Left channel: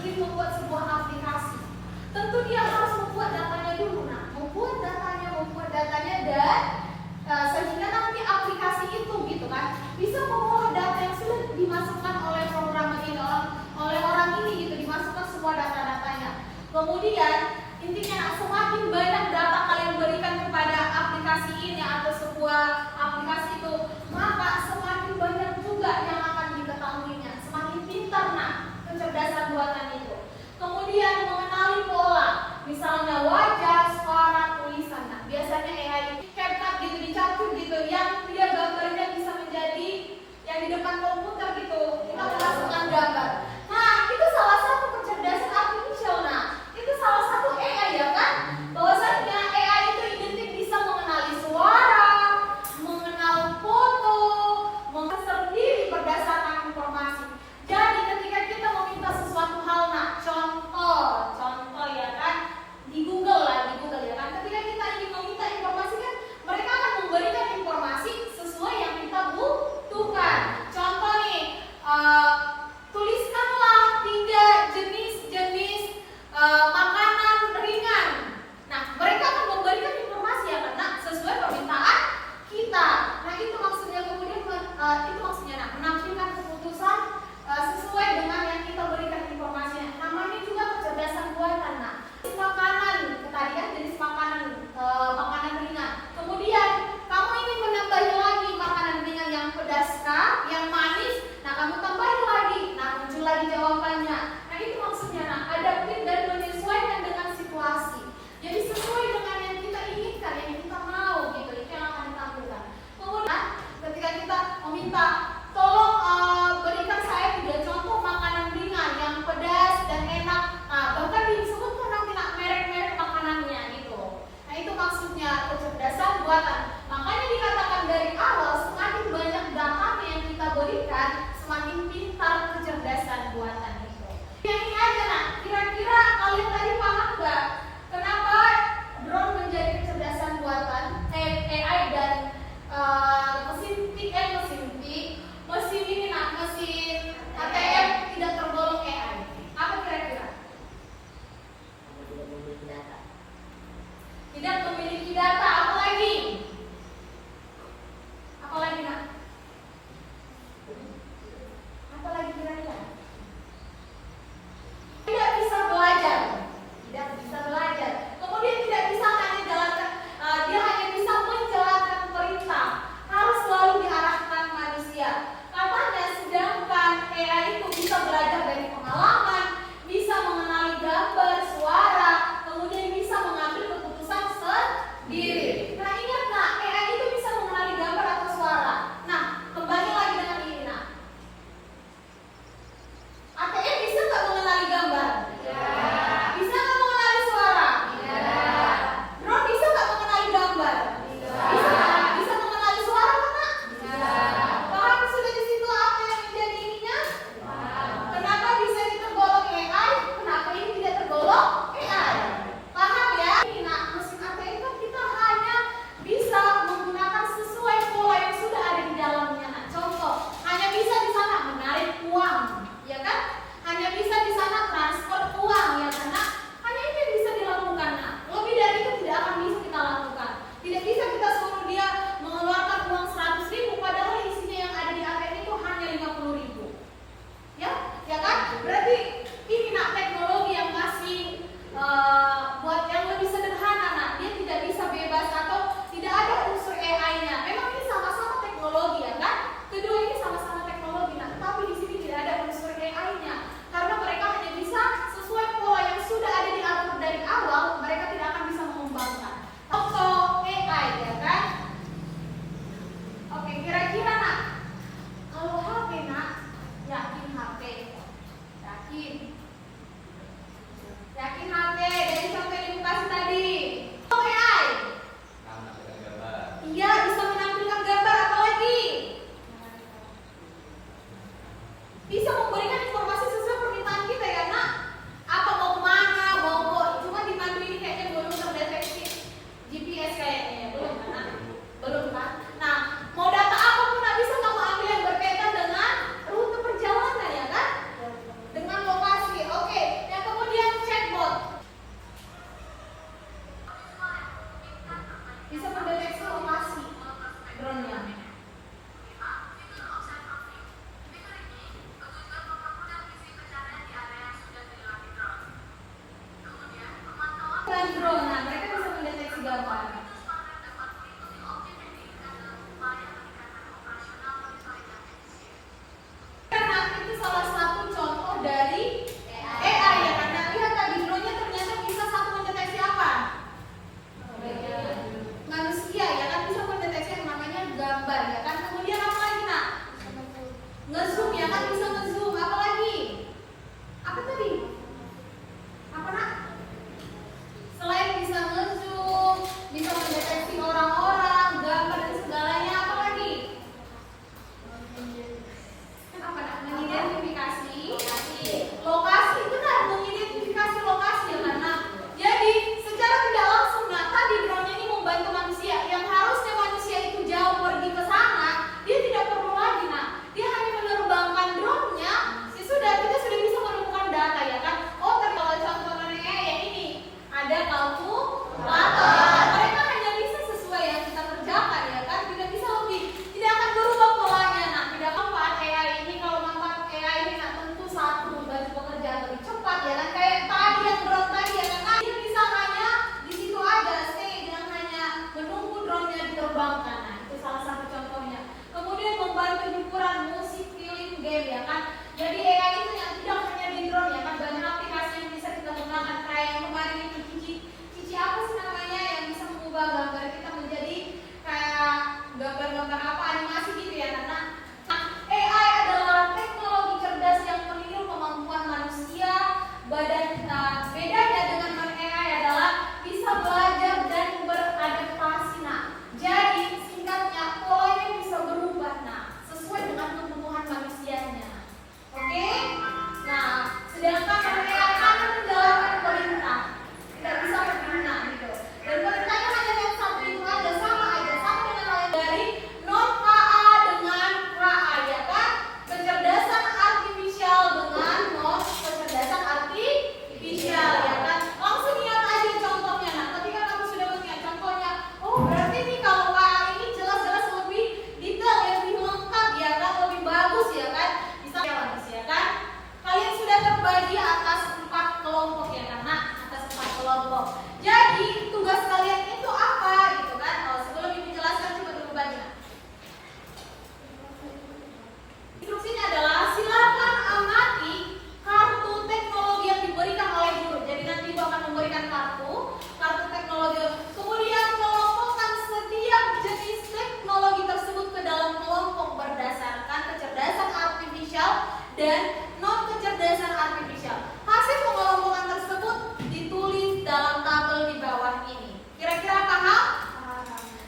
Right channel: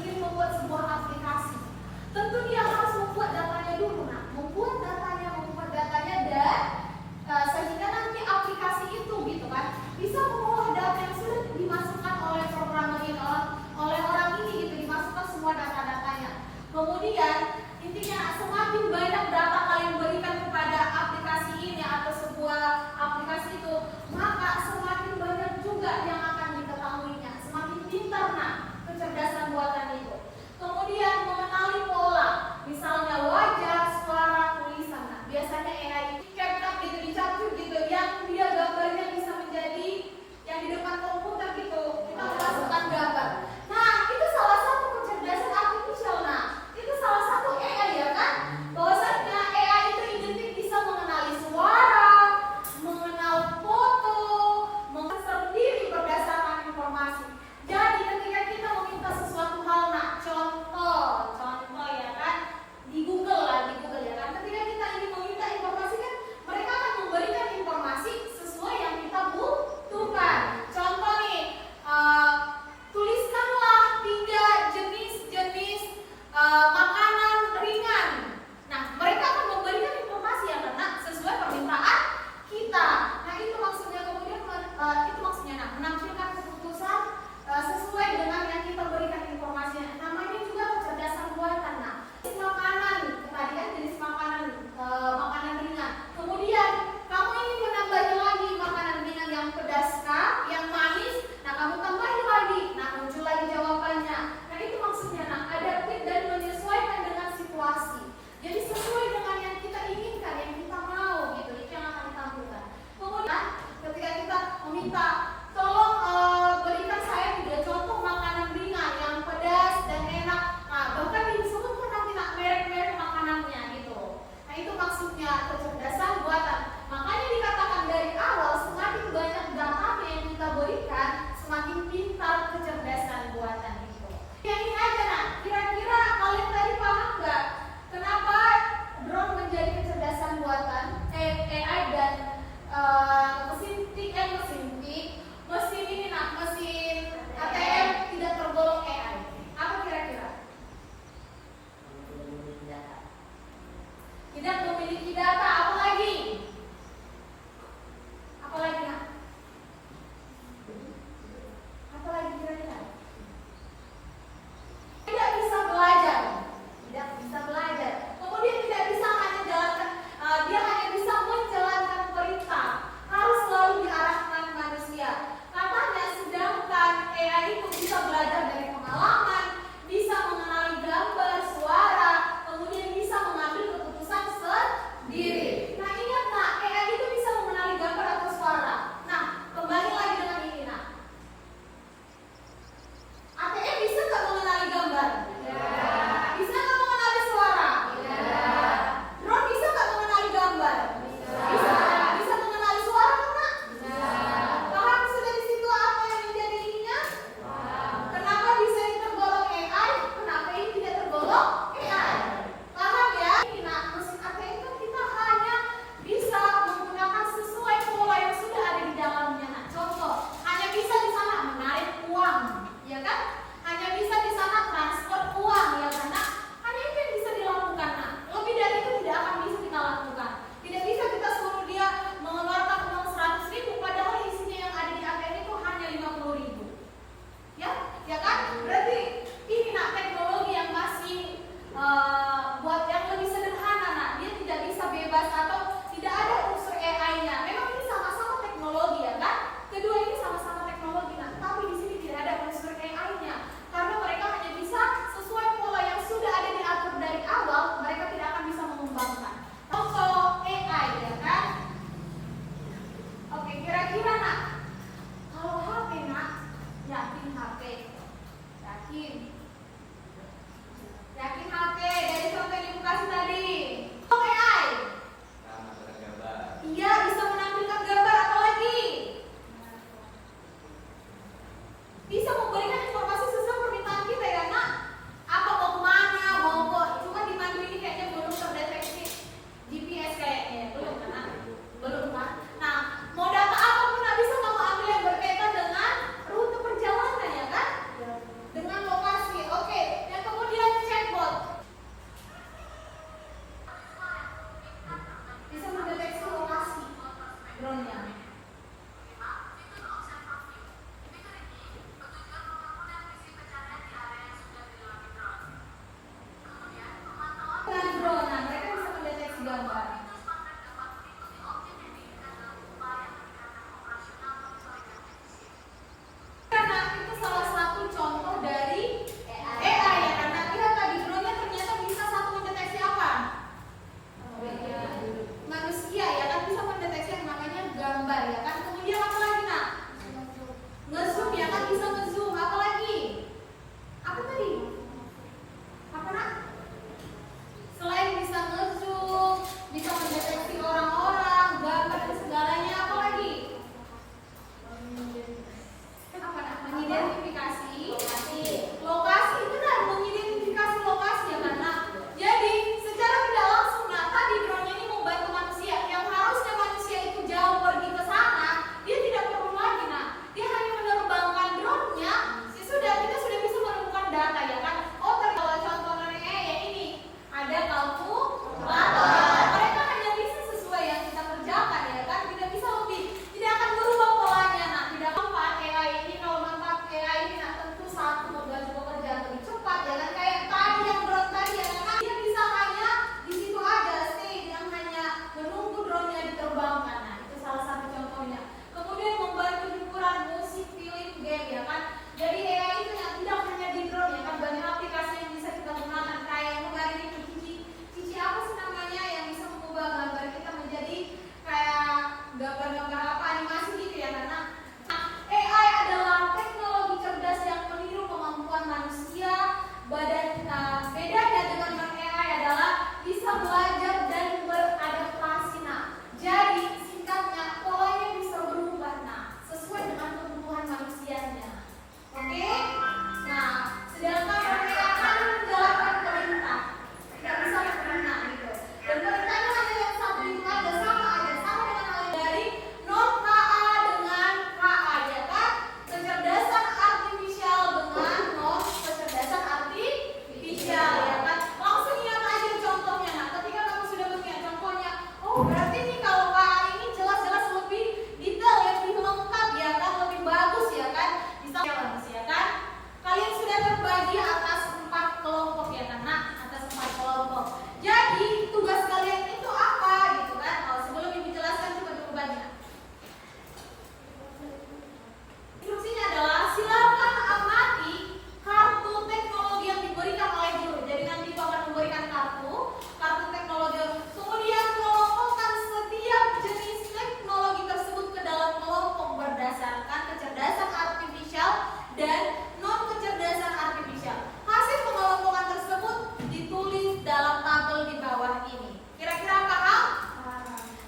ingin membuat sebuah aplikasi, tentu dia harus membuat datanya dulu. Nah, membuat datanya dan sehingga nanti aplikasi itu gitu kan bisa mengolah data yang sudah dimasukkan oleh programmer ini, oleh orang ini gitu, dimasukkan semua data-datanya. Kemudian intinya semakin banyak data kalian berikan kepada aplikasi ini atau sebuah aplikasi itu, maka semakin banyak juga yang akan diketahuinya, semakin pintar kecerdasan buatan itu. Kemudian mengenali pola, misalnya wajah, suara, tulisan. Nah, biasanya AI CapCut gitu dicapcuk gitu, yang dia gambarnya bisa menjadi yang di depan komputer gitu, kita memasukkan gambar. Nah, itu salah satu kecerdasan artificial. Nah, itu salah satu AI ya kan? Bahwasanya AI itu identik bisa mengenali suara, mengenal foto, sendiri berdasarkan informasi. Jadi ketika kita meminta sesuatu hal, nah contoh ya kan, di Google ya kan, ketika kita ingin meminta informasi kan mereka akan memberikan informasi sesuai yang kita butuhkan. Contoh nih, tuliskanlah 3 jenis makanan ringan. Nah, mereka akan memberikan informasi yang kena sesuai permintaan kita. Nah, itu maksudnya kemudian menampilkan keputusan sesuai dengan yang kita berikan informasinya. Namanya juga kecerdasan buatan. Nah, makanan tadi kan jenis makanan ringan. Kemudian kamu ingin menambahnya lagi makanan ringan yang pedas kah, yang manis? Nah, kamu tambahin lagi. Nah, muncul lagi jawabannya. Nah, itu maksudnya adaptif dan menyesuaikan dengan situasi. Jadi sesuai dengan yang kita inginkan, yang kita mau gitu, itu yang akan ditampilkan. Kemudian ketika kita meminta tolong berikan saya 3 contoh makanan ringan yang pedas dan enak. Nah, bahkan disebutkan nanti merek-merek makanannya gitu. Nah, itu maksudnya kecerdasan buatan. Makanya dikatakan dari awal, semakin banyak data yang kita berikan, semakin pintar kecerdasan buatan itu. Yang ini aja kira-kira kalian tadi paham nggak? Kenapa drone menjadi kecerdasan buatan? AI dan mesin tik, mesin ini mesin ATM tidak tergolong AI. Apa kira-kira? Tidak memiliki data. Apa lagi? Apa lagi Apa lagi kira-kira? Tidak bisa belajar. Kemudian tidak bisa dia hanya bisa menjalankan perintah. Harus selalu diarahkan manusia. Katanya sedangkan AI itu bisa belajar dari pengalaman, bisa mengenali gambar, suara, kemudian bisa mengambil keputusan sendiri. Nah, ingat AI itu bisa mengenali gambar atau suara. Nah, kembali lagi dengan ini ATM bisa nggak mengenali gambar? Bisa nggak mengenali suara? Drone bisa nggak mengenali gambar? Bisa mengenali suara kan? Paham sudah di situ apa yang menjadi ininya? Kenapa bisa ini tergolong AI? Kenapa ini tidak tergolong AI? Paham ya? Mesin ATM kan kita hanya bisa menggunakan sesuai pola yang sudah ada di dalamnya. Nah, contoh, hanya bisa di sana menarik uang, ya kan? Hanya bisa di sana transfer uang, ya kan? Hanya itu yang bisa dilakukan. Lebih dari itu tidak akan bisa kita lakukan. Tidak bisa kita suruh dia mengeluarkan uang 100.000 padahal isinya yang ada di ATM itu hanya 50.000. Ya kan? Berarti ini teknologi yang masih buat yang lebih sederhana. Dia tidak bisa bebas atau tidak ada unsur AI-nya. Memang ini sama-sama teknologi ya kan? Kedua ini sama-sama teknologi. Tapi di sini tidak ada unsur AI-nya. Karena mereka hanya bisa sesuai pola yang sudah ada diatur dari awal, mereka tidak akan bisa mengembangkan. Contoh AI ya kan? Oke, kira-kira kalau HP yakin HP? Yakin HP dari contoh yang ibu kasih tadi. AI iya bisa menampilkan gambar, apa lagi? Bisa memberikan informasi sesuai permintaan kita ya apa mau kemana, cuma di Mandu ini kayaknya belum terdeteksi GPS kayaknya, belum kan? Nah, mau data apapun bisa kamu ambil yang berkaitan dengan rute perjalanan ya kan? Dengan lokasi. Oke, kan. Jadi AI itu yang tidak hanya di drone ya kan, banyak aplikasi yang bisa kita gunakan kayak yang kemarin itu Cici apa sih namanya yang bisa mengubah gambar kita menjadi kayak gambar-gambar apa animasi gitu ya kan. Nah, AI adalah teknologi cerdas yang meniru kemampuan manusia. Bedanya dengan AI adalah bisa belajar dan beradaptasi. Nah, jadi singkatnya polanya bisa berubah sesuai dengan kebutuhan manusianya. Oke? Nah, sedangkan AI kan menjalankan perintah, tidak bisa berguna gitu. Dan perintahnya hanya yang satu itu aja, sama dengan hal yang dari non KA dengan KA ya kan? Kecerdasan artifisial dengan non kecerdasan artifisial ya kan? Langsung lihat aja contohnya. Nah, ketika kamu sudah melihat contohnya, oh berarti nih kalau KA ini jelas-jelas lebih detail, lebih lengkap ya kan, lebih bagus ya kan? Bisa ya kan? Kalian sudah terbagi atas 4 kelompok ya kan? Nah, atas 4 kelompok. Jadi tugas kalian itu apa gitu kan? Kalau sebelum ibu jelaskan coba dulu baca. Instruksinya adalah silakan amati kartu teknologi yang diberikan oleh guru. Jadi nanti ibu akan memberikan kartu teknologi. Kemudian kelompokkan setiap jenis teknologi tersebut ke dalam kelompok berdasarkan kecerdasan artifisial dan non kecerdasan artifisial. Hasil pengelompokan tersebut ditulis dalam tabel di bawah ini. Kira-kira paham?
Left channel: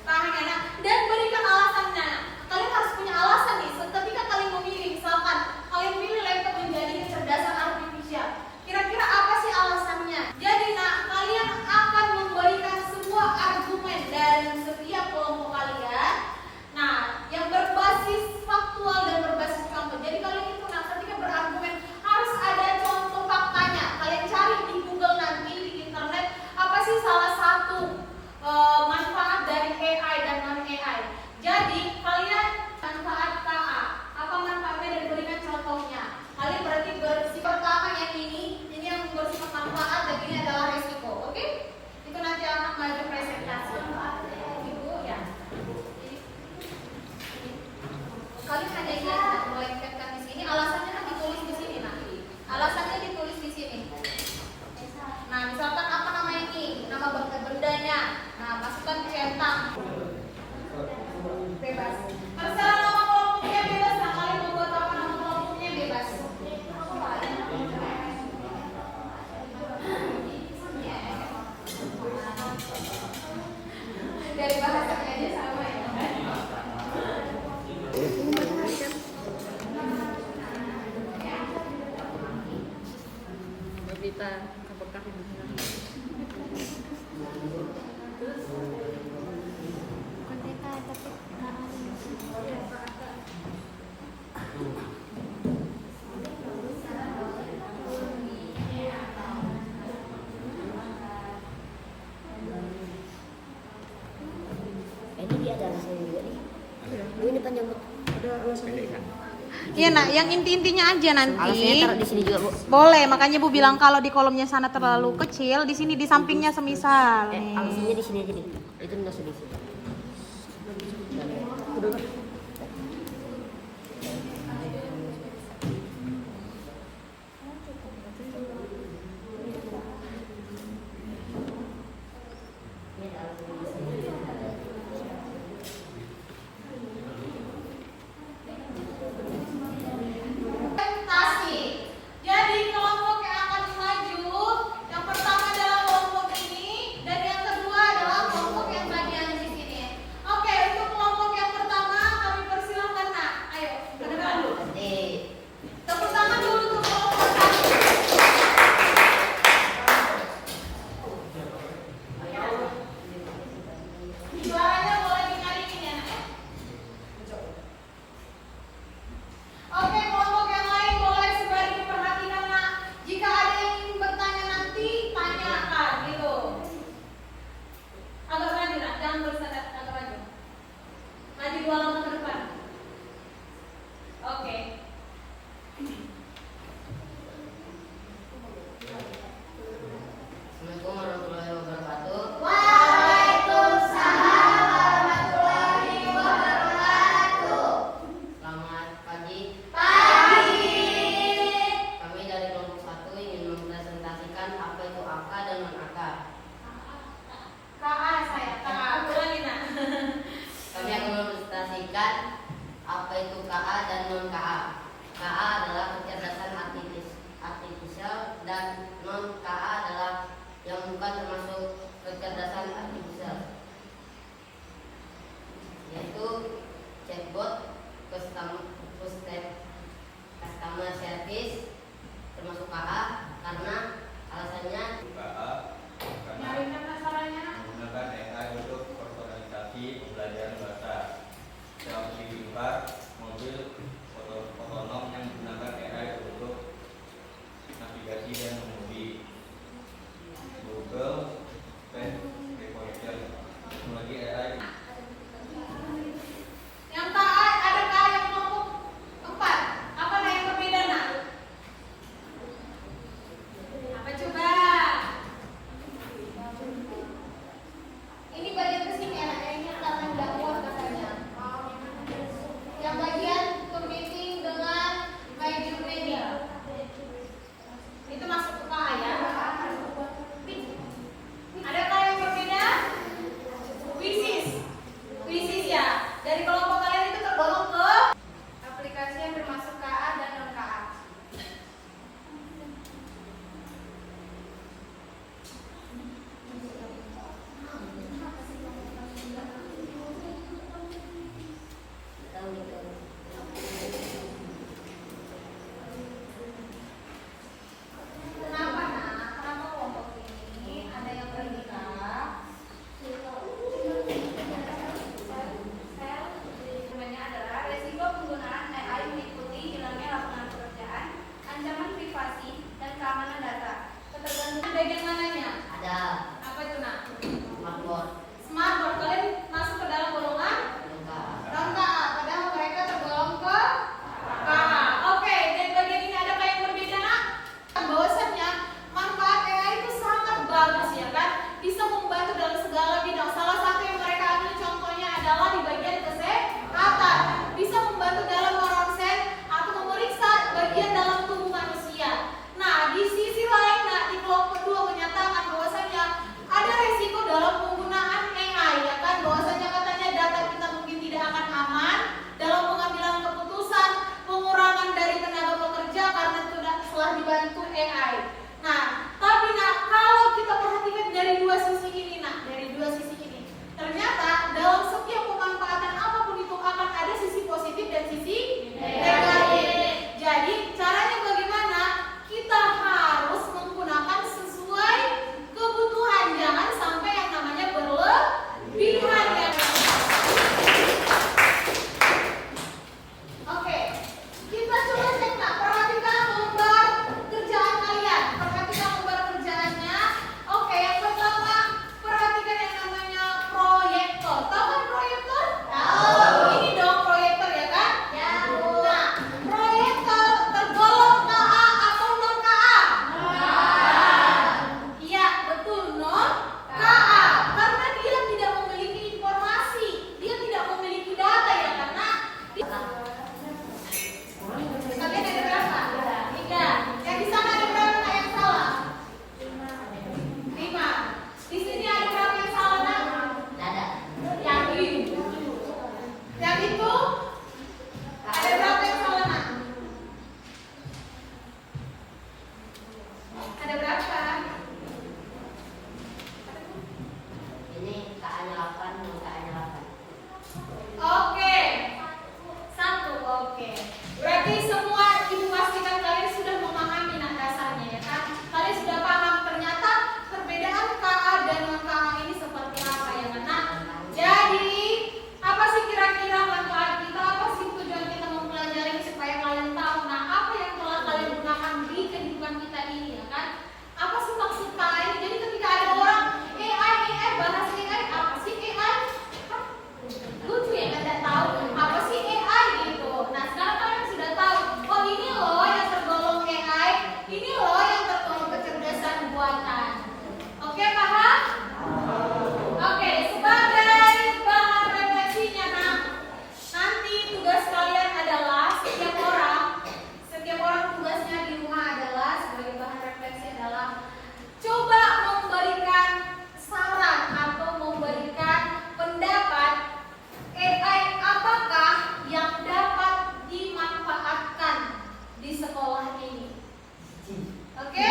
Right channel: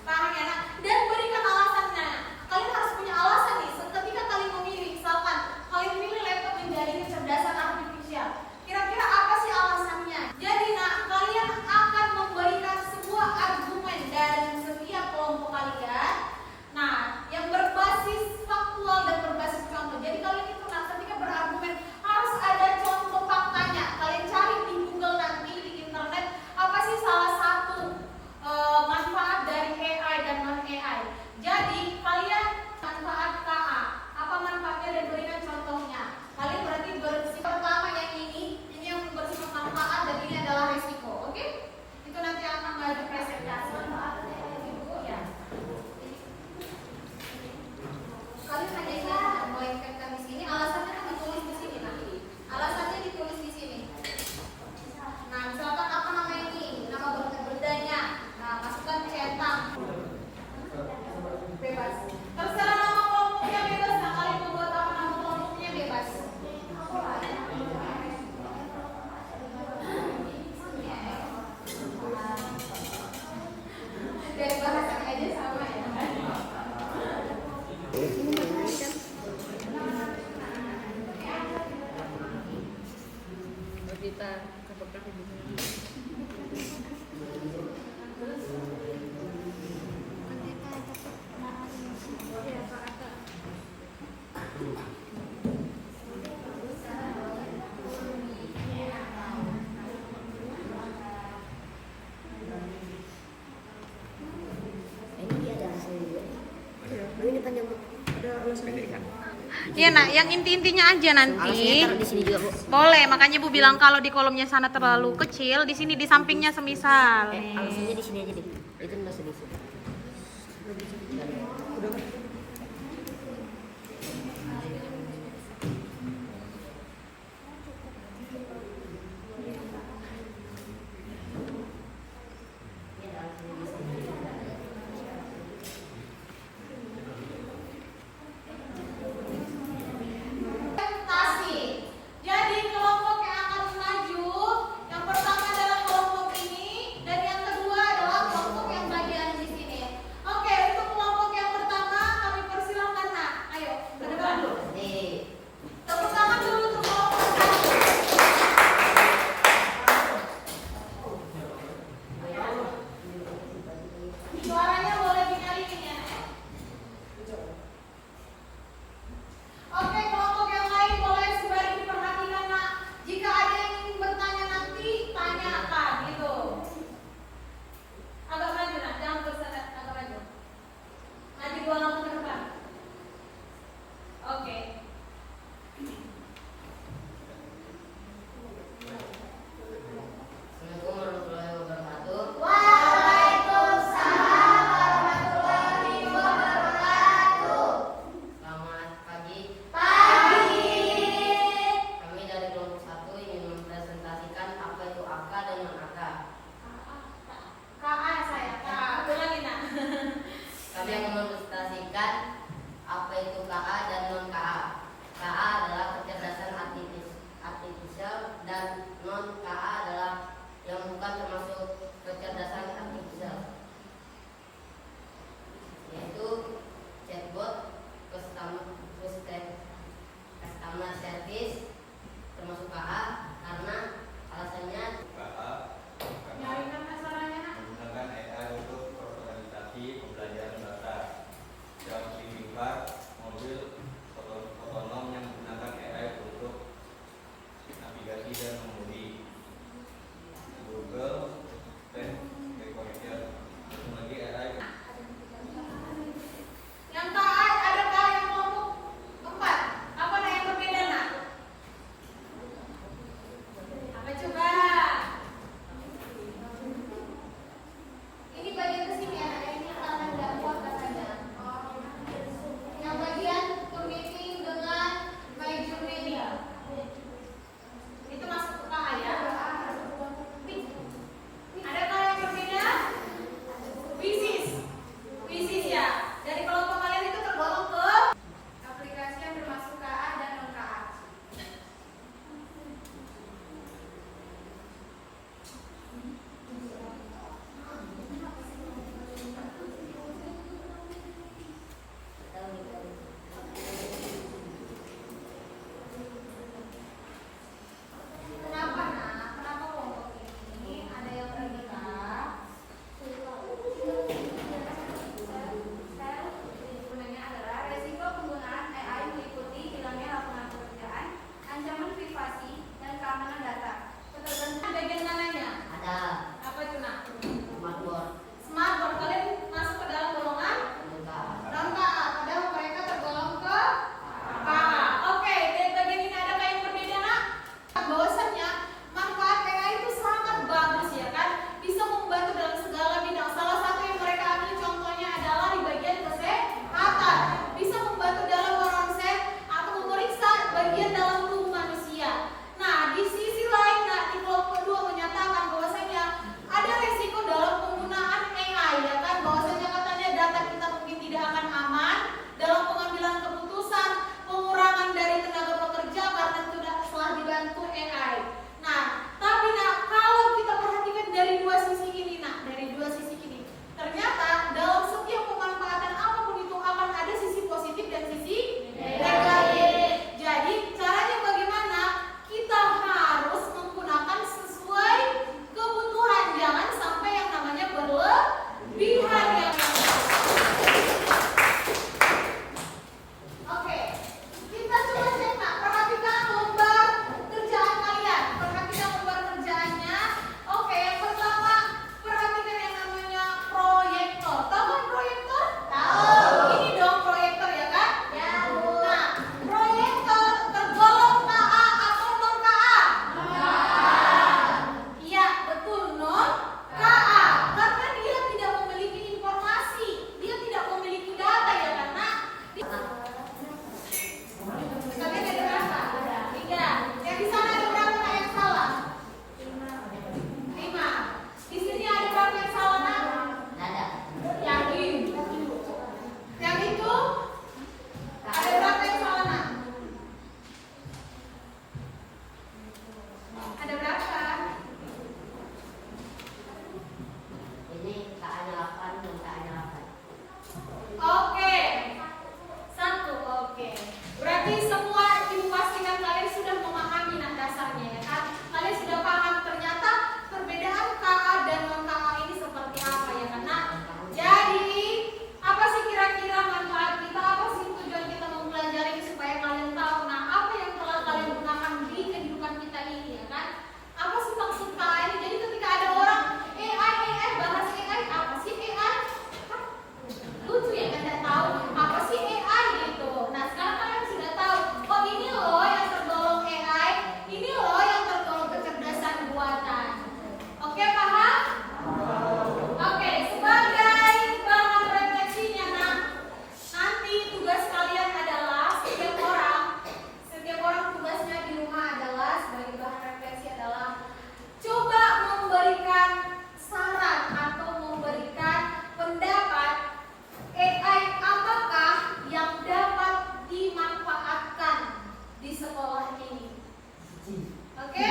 Paham ya? Nah, dan berikan alasannya. Kalian harus punya alasan nih. Ketika kalian memilih, misalkan kalian pilih laptop menjadi kecerdasan artifisial. Kira-kira apa sih alasannya? Jadi, kalian akan memberikan sebuah argumen dari setiap kelompok kalian. Nah, yang berbasis faktual dan berbasis contoh. Jadi kalian itu ketika berargumen harus ada contoh faktanya. Kalian cari di Google nanti di internet apa sih salah satu manfaat dari AI dan non AI. Jadi kalian manfaat KA, apa manfaatnya dan berikan contohnya. Kalian berarti bersifat pertama yang ini yang bersifat manfaat dan ini adalah risiko. Oke? Itu nanti akan maju presentasi. Ibu ya. Kalian hanya ingat melengkapkan di sini, alasannya kan ditulis di sini nanti. Alasannya ditulis di sini. Nah, misalkan apa namanya ini? Nama bendanya. Nah, masukkan centang. Bebas. Terserah nama kelompoknya bebas. Nah, kalian mau buat apa nama kelompoknya bebas. Dari bahasanya aja sama ya. Kita apakah hubungan ini dia ada alasan juga nih. Ini panjang ada alasan kan? Iya nak, yang inti-intinya aja nanti. Alasnya taruh di sini juga, Bu. Boleh, makanya Bu bilang kalau di kolomnya sana terlalu kecil, di sini di sampingnya semisal. Alasnya di sini aja deh. Itu masuk di sini. Jadi kelompok yang akan maju, yang pertama adalah kelompok ini dan yang kedua adalah kelompok yang bagian di sini. Oke, untuk kelompok yang pertama basis termasuk KA karena alasannya Nyarikan masalahnya. menggunakan AI untuk organisasi pembelajaran bahasa. Self driving car, mobil otonom yang menggunakan AI untuk navigasi dan mengemudi. Google Pen Recorder, lagi AI. Yang KA ada KA yang kelompok 4. Apa nah yang berbeda nak? Apa coba? Ini bagian kesini anak ini karena nggak muat katanya. Yang bagian meeting dengan major media. Itu masuk ke KA ya? Ada KA yang berbeda? Wisis ya. Dari kelompok kalian itu tergolong ke aplikasi yang bermasuk KA dan non KA. Kenapa nak? Kenapa kelompok ini ada yang berbeda? Dokumennya adalah resiko penggunaan AI meliputi hilangnya lapangan pekerjaan, ancaman privasi, dan keamanan data. Ketergantungan bagian mananya? ada Apa itu nak? smartboard Smartboard. Kalian masuk ke dalam golongan untuk KA. non KA, padahal mereka tergolong ke KA. Oke, dan bagian ini adakah yang berbeda nak? Bahwasannya manfaat AI itu sangat bagus ya kan? Bisa membantu dalam segala bidang. Salah satu yang mereka ambil contohnya adalah di bagian kesehatan. Bisa membantu dalam meronsen atau memeriksa bagian dalam tubuh manusia. Nah, di sisi lain, nah, di kelompok 2 menyatakan bahwasanya ada resiko dalam penggunaan AI ya kan? Bahwasanya katanya data kita mungkin tidak akan aman dalam pengambilan keputusan, pengurangan dari tenaga pekerja karena telah dibantu AI. Nah, tapi nah kalau kita perhatikan dari dua sisi ini, nah dari dua sisi ini, ternyata dalam setiap pemanfaatan apapun itu akan ada sisi positif dan sisi negatif. Jadi caranya bagaimana? Kita harus menggunakan sesuai kebutuhan, jangan sampai yang namanya berlebihan ya. Oke, kita coba cek nak, perhatikan lembar kerjaan kalian. Perhatikan lembar kerjaannya. Oke, yang pertama perhatikan yang namanya proyektor. Tahu kan proyektor? Tahu. Ini dong proyektor ya kan? Nah, proyektor tergolong KA atau non KA? Iya, betul non KA. Karena dia tidak memiliki informasi, dia tidak memiliki data ya karena kalian ada berapa? 3. Yang di sana ada berapa nak yang salah? 5. Di sini ada berapa yang salah nak? ada Yakin? Yang itu ada berapa yang salah nak? Ada berapa? ini KA nya 8 dan KA nya 8. Oke. 1. Oke. Berarti semua ibu pastikan kalian sudah memahami nah dasarnya ya kan? Kalian sudah paham ternyata perbedaan KA dan non KA ini seperti apa ya kan? Nah, jadi apa sih kira-kira manfaat kita? Apa sih tujuan kita mempelajari supaya kalian tahu nah apa yang telah kalian gunakan di kehidupan kita ini ya kan? Apa sih maksud KA ini? Jadi ketika ada orang AI bahas AI, apa sih AI? Hah? Lucu ya kan tidak tahu apa sih AI gitu. Nah sekarang kalian sudah tahu. Oh ini loh yang tergolong AI, ini loh yang tergolong kecerdasan buatan. Oke paham? Oke, sebagai bahan refleksinya nah nanti tugas kalian adalah setiap orang tugasnya di rumah adalah sebagai bahan refleksi adalah coba memberikan saran atau memberikan pendapat AI apakah yang dapat dimanfaatkan di sekolah ini. Oke?